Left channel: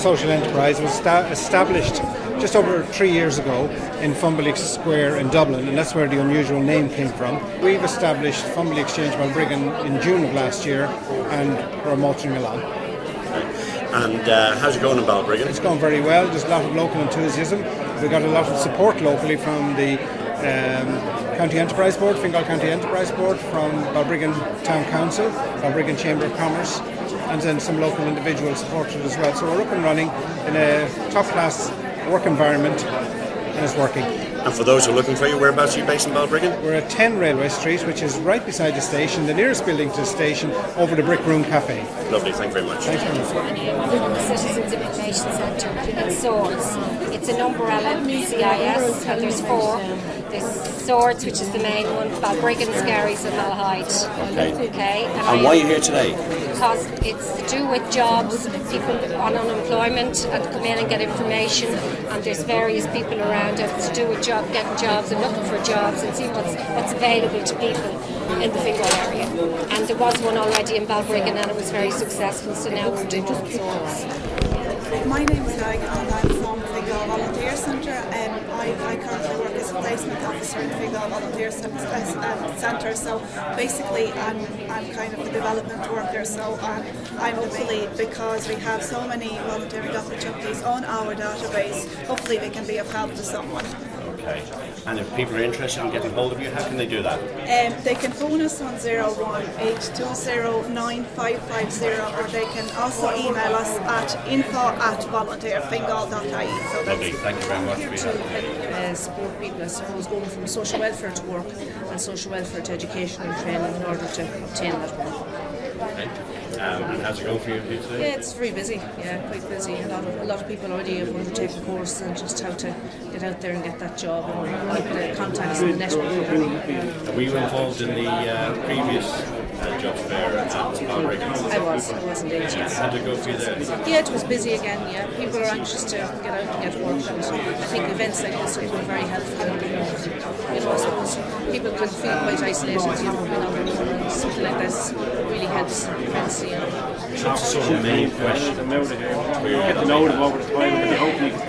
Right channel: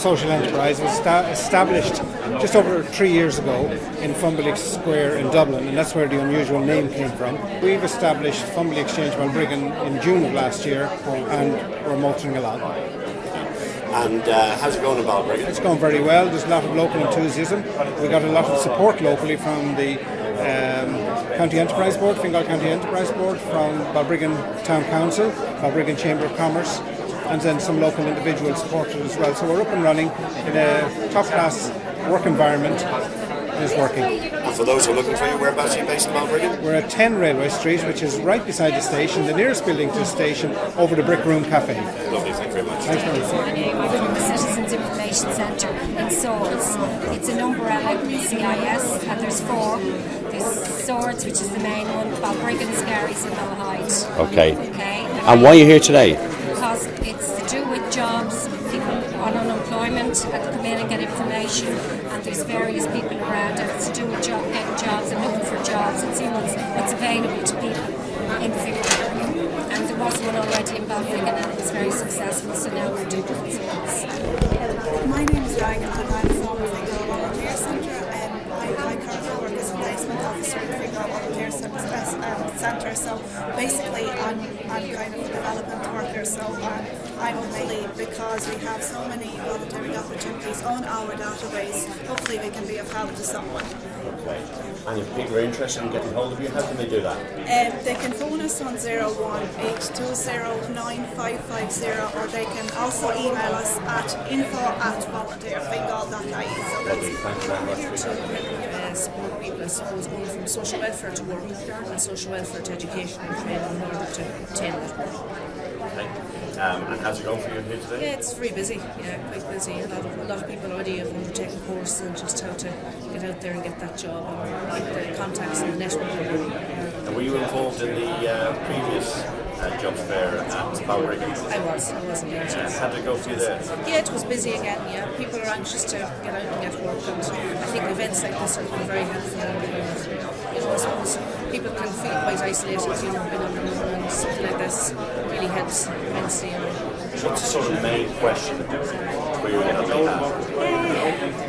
social enterprise. It was established just over 3 years ago in Fumble Square in Dublin, and that's where the unusual name came from. We've established Fumble Exchange Balbriggan in June of last year, and we're motoring along. And how's it going in Balbriggan? It's going very well. There's a lot of local enthusiasm. We got a lot of support locally from the County Enterprise Board, Fingal County Enterprise Board, from Balbriggan Town Council, Balbriggan Chamber of Commerce, and then some local individual supporters as well. So we're up and running in a top-class work environment, and it's working. And for those who are looking for you, whereabouts are you based in Balbriggan? We're at 10 Railway Street, which is right beside the station, the nearest building to the station, over the Brick Room Cafe. Lovely, thank you very much. Thanks very much. I'm from the Citizens Information Centre in Swords. It's an umbrella CIS, and there's 4. There's Swords, which is the main one, Balbriggan, Skerries and Malahide. Okay. And why are you here today? Because it's to do with jobs, people on unemployment, and come in and get information, and there's various people around, and it's to do with getting jobs and looking for jobs and seeing what's available to people in the Fingal area. And there was one already in Balbriggan and it was very successful, so now we're doing it in Swords. My name is Diane and I'm from Fingal Volunteer Centre. I currently work as a placement officer in Fingal Volunteer Centre, so basically I'm kind of a development worker, so I'm hopefully, because we have so many volunteering opportunities on our database, hopefully we can be of help to someone. Okay. And if people are interested in getting hold of you, how can they do that? They can phone us on 018209550, or they can also email us at info@volunteerfingal.ie. So that's Thank you very much. Here to help support people, I suppose, going from social welfare to work and social welfare to education and training in order to obtain that work. Okay. And how's it going for you here today? Yeah, it's very busy. Yeah, quite busy. A lot of people already have undertaken courses and just how to get out there and get that job and keep the contacts and the network going. And were you involved in the previous jobs fair at Balbriggan? I was indeed. Yeah. How did it go for you there? Yeah, it was busy again. Yeah, people are anxious to get out and get work, and I think events like this have been very helpful. And you know, I suppose people can feel quite isolated, you know, being on their own, and something like this really helps immensely, you know. What's the sort of main question about query that they have?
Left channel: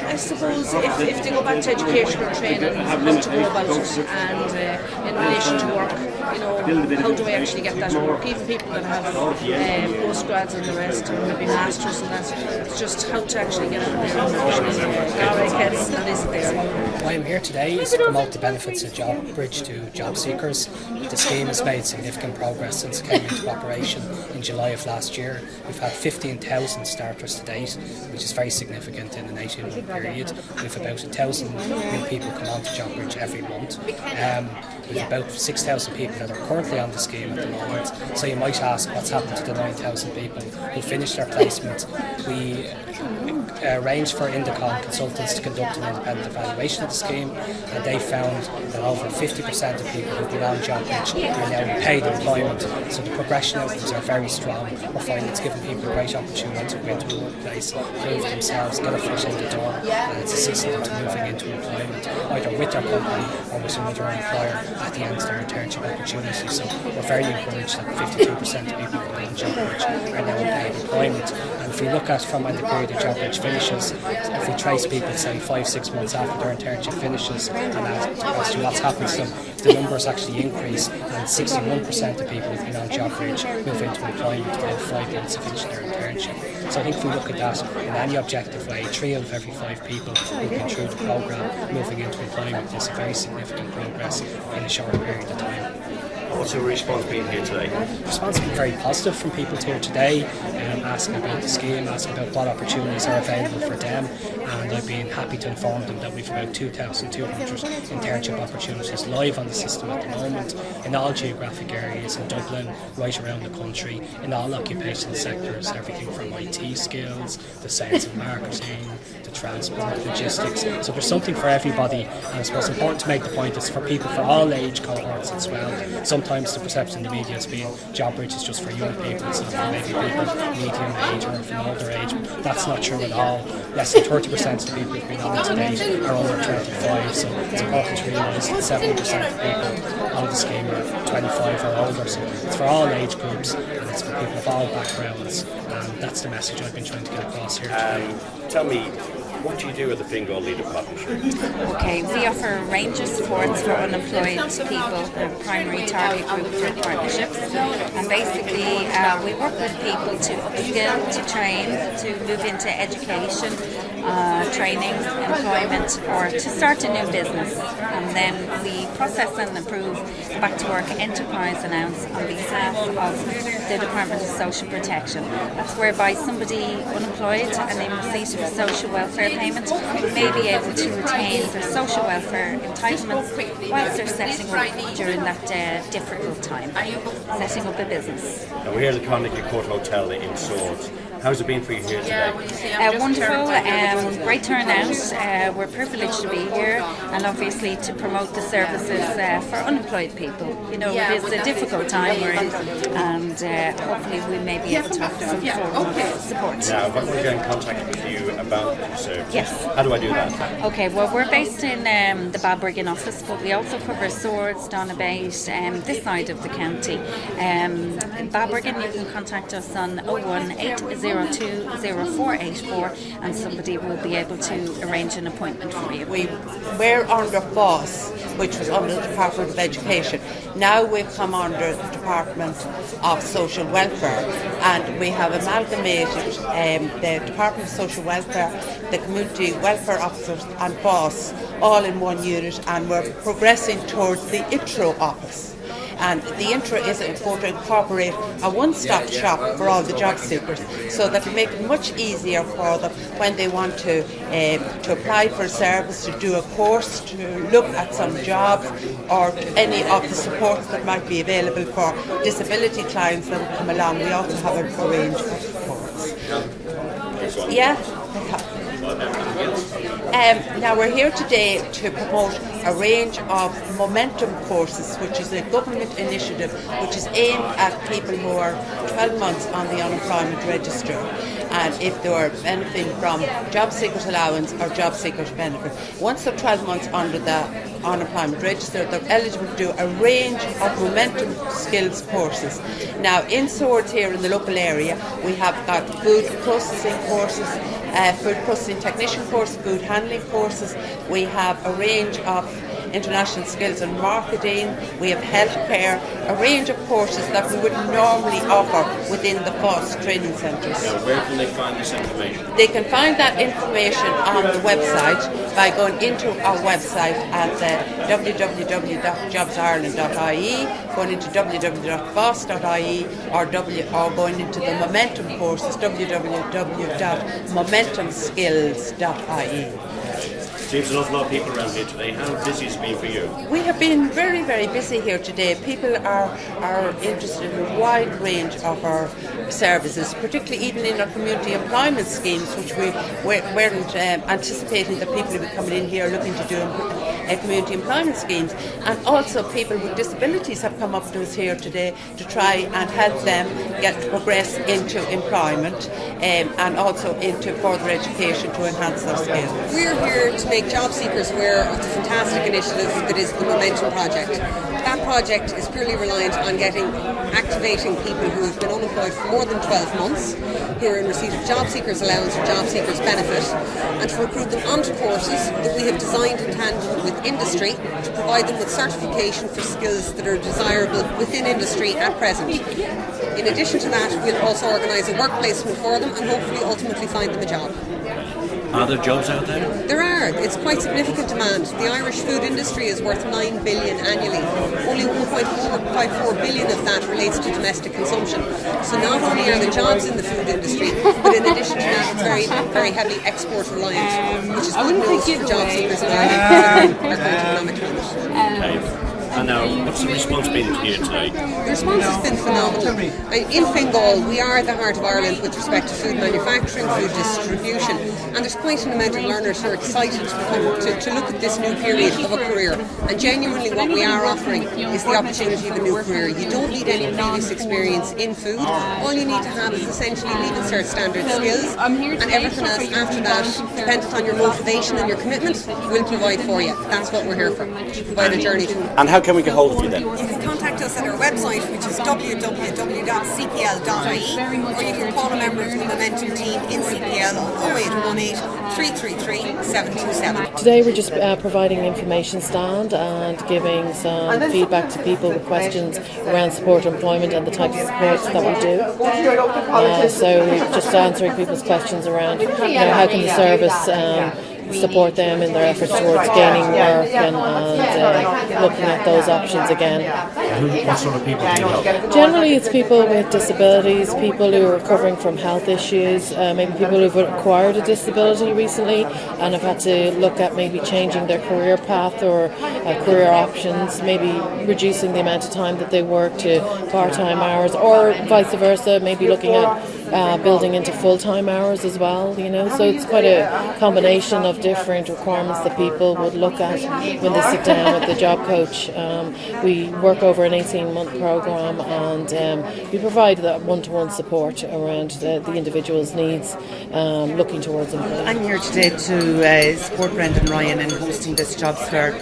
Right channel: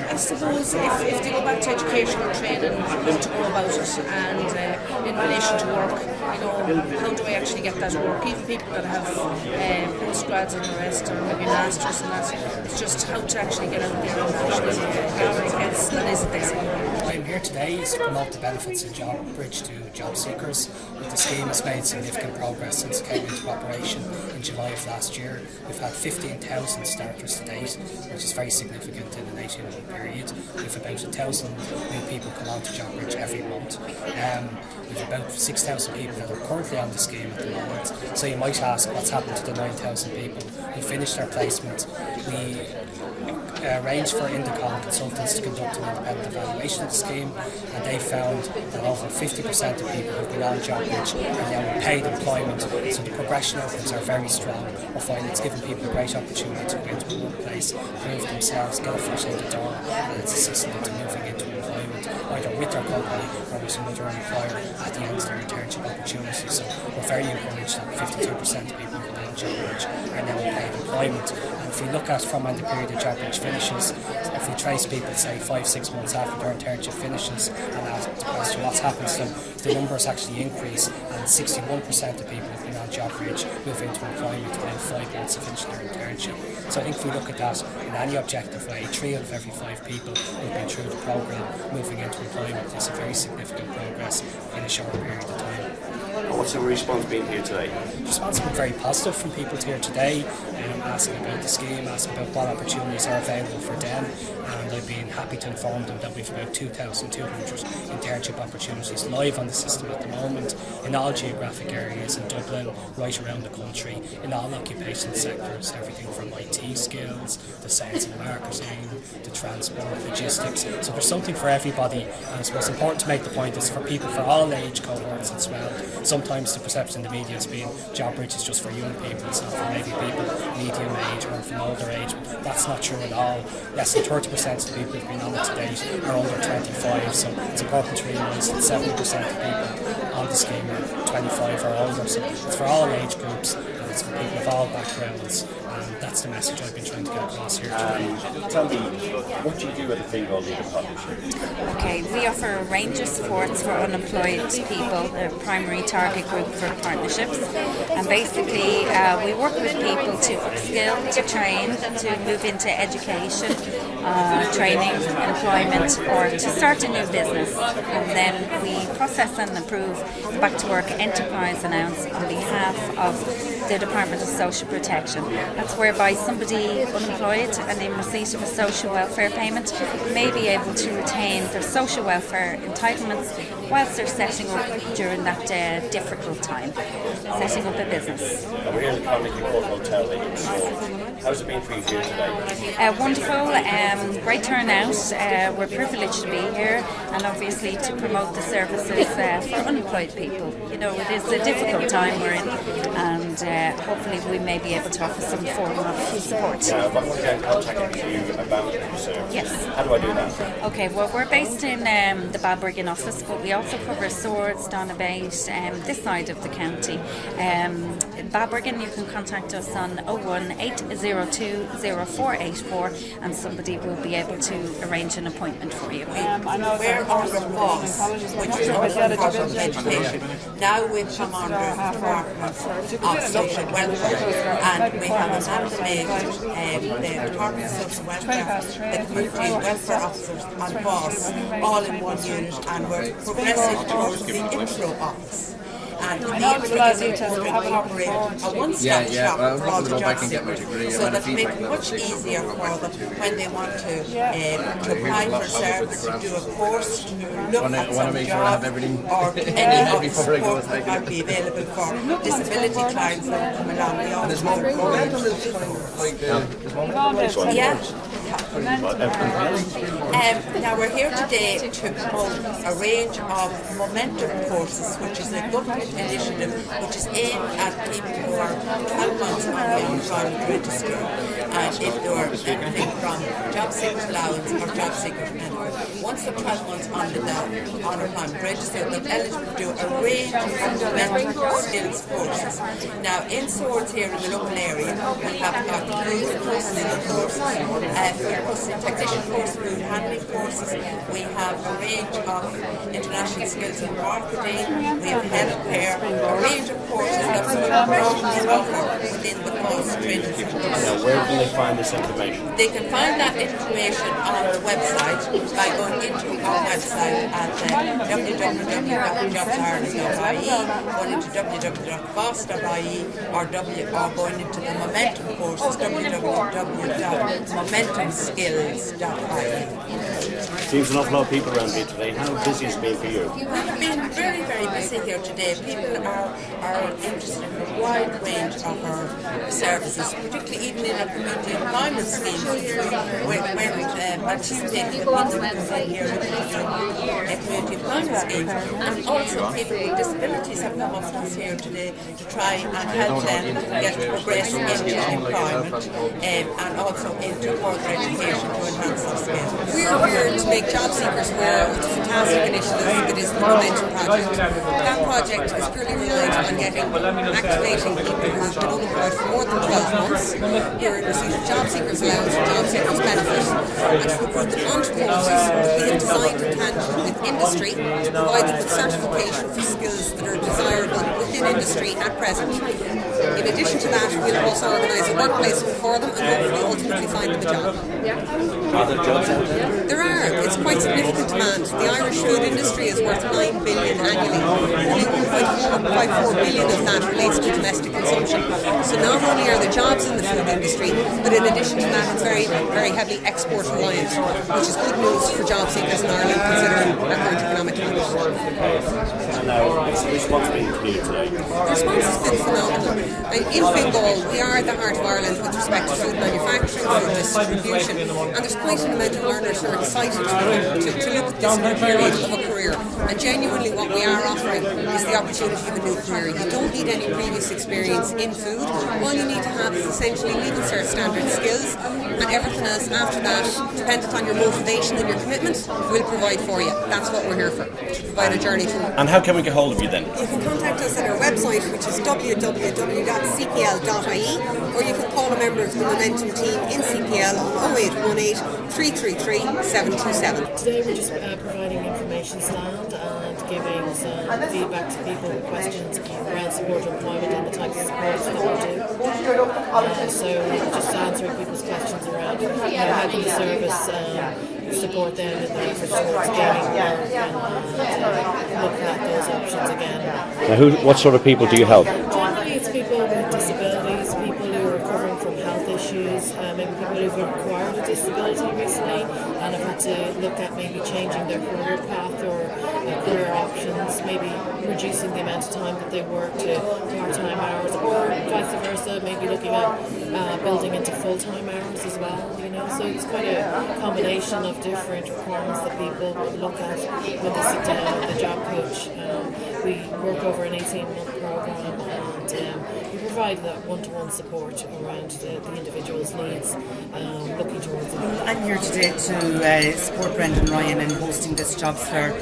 I suppose if they go back to education or training, how to go about it, and in relation to work, you know, how do I actually get that work? Even people that have postgrads and the rest, or maybe masters and that, it's just how to actually get out there and actually get the kids that isn't there, you know. Why I'm here today is to promote the benefits of JobBridge to Jobseekers. The scheme has made significant progress since it came into operation in July of last year. We've had 15,000 starters to date, which is very significant in an 18-month period. We've about 1,000 new people come on to JobBridge every month. We've about 6,000 people that are currently on the scheme at the moment. So you might ask, what's happened to the 9,000 people who finished their placement? We arranged for Indicon consultants to conduct an independent evaluation of the scheme, and they found that over 50% of people who've been on JobBridge are now in paid employment, so the progression outcomes are very strong. We're finding it's given people a great opportunity to go into a workplace, prove themselves, get a foot in the door, and it's assisting them to moving into employment, either with their company or with another employer at the end of their internship opportunity. So we're very encouraged that 52% of people who've been on JobBridge are now in paid employment. And if we look at from when the period of JobBridge finishes, if we trace people, say 5-6 months after their internship finishes, and ask the question what's happened to them, the numbers actually increase, and 61% of people who've been on JobBridge move into employment within 5 months of finishing their internship. So I think if we look at that in any objective way, 3 out of every 5 people who've been through the programme moving into employment is a very significant progress in a short period of time. And what's the response been here today? The response has been very positive from people here today, asking about the scheme, asking about what opportunities are available for them, and I've been happy to inform them that we've about 2,200 internship opportunities live on the system at the moment in all geographic areas in Dublin, right around the country, in all occupational sectors, everything from IT skills, to sales and marketing, to transport, logistics. So there's something for everybody, and I suppose it's important to make the point it's for people for all age cohorts as well. Sometimes the perception in the media has been JobBridge is just for young people, it's not for maybe people medium age or of an older age, but that's not true at all. Less than 30% of the people who've been on it to date are under 25, so it's important to realise that 70% of people on the scheme are 25 or older, so it's for all age groups, and It's for people of all backgrounds, and that's the message I've been trying to get across here today. Tell me, what do you do with the Fingal Leader Partnership? Okay, we offer a range of supports for unemployed people, the primary target group for partnerships. And basically, we work with people to upskill, to train, to move into education, training, employment, or to start a new business. And then we process and approve the Back to Work Enterprise Allowance on behalf of the Department of Social Protection. That's whereby somebody unemployed and in receipt of a social welfare payment may be able to retain their social welfare entitlements whilst they're setting up during that difficult time, setting up a business. And we're here at the Carnegie Court Hotel in Swords. How's it been for you here today? Wonderful, great turnout. We're privileged to be here and obviously to promote the services for unemployed people. You know, it is a difficult time we're in, and hopefully we may be able to offer some form of support. Now, if I want to get in contact with you about your service, yes. How do I do that? Okay, well, we're based in the Balbriggan office, but we also cover Swords, Donabate, this side of the county. Balbriggan, you can contact us on 01802 0484 and somebody will be able to arrange an appointment for you. We're under FOSS, which was under the Department of Education. Now we've come under the Department of Social Welfare, and we have amalgamated the Department of Social Welfare, the Community Welfare Officers and FOSS all in one unit, and we're progressing towards the intro office. And the intro is going to incorporate a one-stop shop for all the job seekers, so that will make it much easier for them when they want to apply for a service, to do a course, to look at some jobs, or any of the supports that might be available for disability clients that will come along. We also have a range of supports. Yeah. Now we're here today to promote a range of momentum courses, which is a government initiative which is aimed at people who are 12 months on the unemployment register, and if they are benefiting from job seekers allowance or job seekers benefit. Once they're 12 months under the unemployment register, they're eligible to do a range of momentum skills courses. Now in Swords here in the local area, we have got food processing courses, food processing technician course, food handling courses. We have a range of international skills and marketing. We have healthcare, a range of courses that we would normally offer within the FOSS training centres. Now, where can they find this information? They can find that information on the website by going into our website at www.jobsireland.ie, going into www.foss.ie, or going into the Momentum courses, www.momentumskills.ie. Seems an awful lot of people around here today. How busy has it been for you? We have been very, very busy here today. People are interested in a wide range of our services, particularly even in our community employment schemes, which we weren't anticipating that people would be coming in here looking to do community employment schemes. And also people with disabilities have come up to us here today to try and help them progress into employment and also into further education to enhance their skills. We're here to make job seekers aware of the fantastic initiative that is the Momentum Project. That project is purely reliant on activating people who have been unemployed for more than 12 months, who are in receipt of job seekers allowance or job seekers benefit, and to recruit them onto courses that we have designed in tandem with industry to provide them with certification for skills that are desirable within industry at present. In addition to that, we'll also organise a work placement for them and hopefully ultimately find them a job. Are there jobs out there? There are. It's quite significant demand. The Irish food industry is worth $9 billion annually. Only $1.54 billion of that relates to domestic consumption. So not only are there jobs in the food industry, but in addition to that, it's very, very heavily export reliant, which is good news for job seekers in Ireland considering our current economic climate. And now, what's the response been here today? The response has been phenomenal. In Fingal, we are the heart of Ireland with respect to food manufacturing, food distribution, and there's quite an amount of learners who are excited to look at this new period of a career. And genuinely what we are offering is the opportunity of a new career. You don't need any previous experience in food. All you need to have is essentially Leaving Cert standard skills, and everything else after that, dependent on your motivation and your commitment, we'll provide for you. That's what we're here for, to provide a journey to. And how can can we get hold of you then? You can contact us at our website, which is www.cpl.ie, or you can call a member of the Momentum team in CPL on 0818 333 727. Today we're just providing an information stand and giving some feedback to people with questions around support employment and the types of supports that we do. So we're just answering people's questions around, how can the service support them in their efforts towards gaining work and looking at those options again. What sort of people do you help? Generally it's people with disabilities, people who are recovering from health issues, maybe people who've acquired a disability recently and have had to look at maybe changing their career path or career options, maybe reducing the amount of time that they work to part-time hours, or vice versa, maybe looking at building into full-time hours as well, so it's quite a combination of different requirements that people would look at when they sit down with the job coach. We work over an 18-month program and we provide that one-to-one support around the individual's needs, looking towards them. I'm here today to support Brendan Ryan in hosting this jobs fair.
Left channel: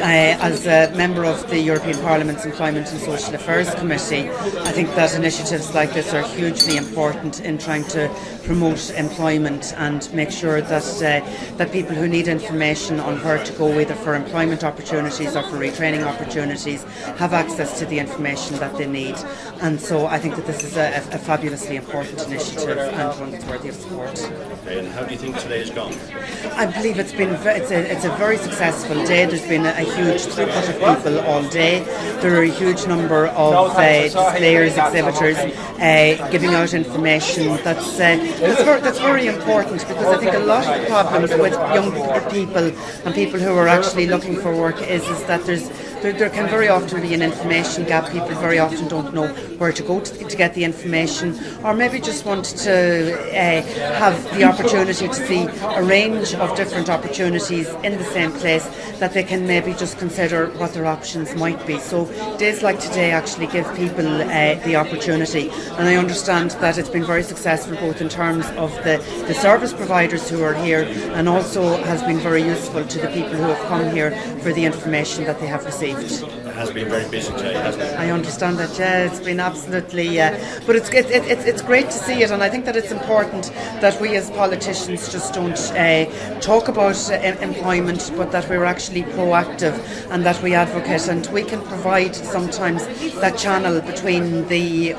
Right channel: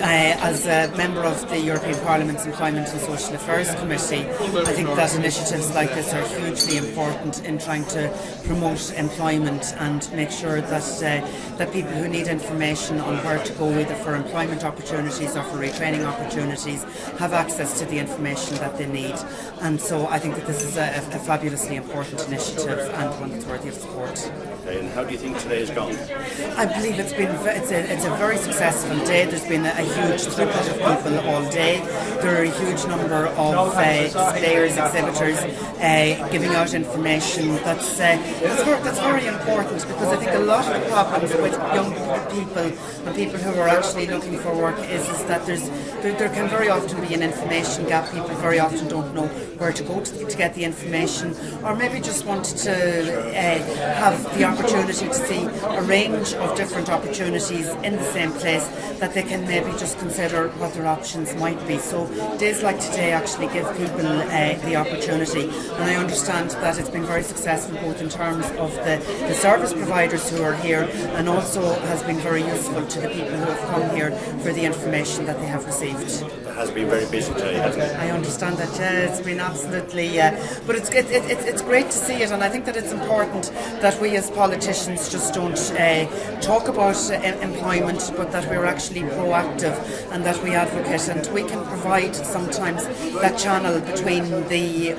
As a member of the European Parliament's Employment and Social Affairs Committee, I think that initiatives like this are hugely important in trying to promote employment and make sure that people who need information on where to go, either for employment opportunities or for retraining opportunities, have access to the information that they need. And so I think that this is a fabulously important initiative and one that's worthy of support. Okay, and how do you think today has gone? I believe it's a very successful day. There's been a huge throughput of people all day. There are a huge number of displayers, exhibitors giving out information that's very important, because I think a lot of the problems with young people and people who are actually looking for work is that there can very often be an information gap. People very often don't know where to go to get the information, or maybe just want to have the opportunity to see a range of different opportunities in the same place, that they can maybe just consider what their options might be. So days like today actually give people the opportunity, and I understand that it's been very successful both in terms of the service providers who are here, and also has been very useful to the people who have come here for the information that they have received. It has been very busy today, hasn't it? I understand that, it's been absolutely, but it's great to see it, and I think that it's important that we as politicians just don't talk about employment, but that we're actually proactive and that we advocate, and we can provide sometimes that channel between the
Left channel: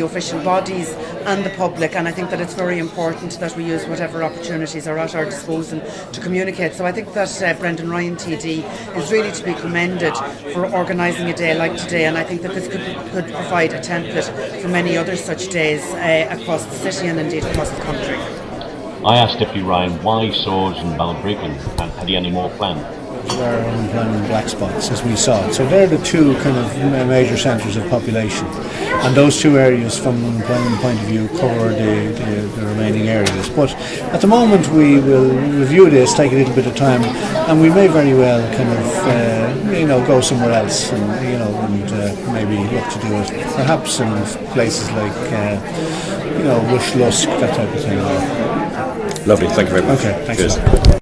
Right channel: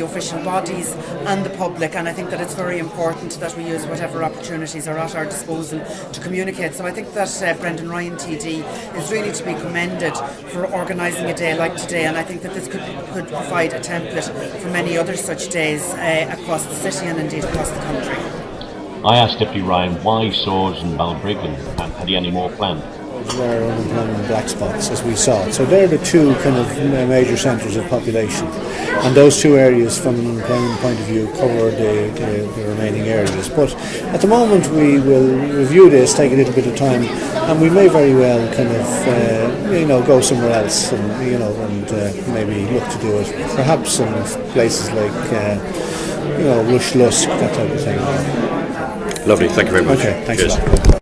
official bodies and the public, and I think that it's very important that we use whatever opportunities are at our disposal to communicate. So I think that Brendan Ryan TD is really to be commended for organising a day like today, and I think that this could provide a template for many other such days across the city and indeed across the country. I asked Deputy Ryan why Swords and Balbriggan, and had he any more planned? Were unemployment black spots as we saw it. So they're the two kind of major centres of population, and those two areas from an unemployment point of view cover the remaining areas. But at the moment we will review this, take a little bit of time, and we may very well kind of go somewhere else and maybe look to do it perhaps in places like Rush Lusk, that type of thing. Lovely, thank you very much. Okay, thanks a lot.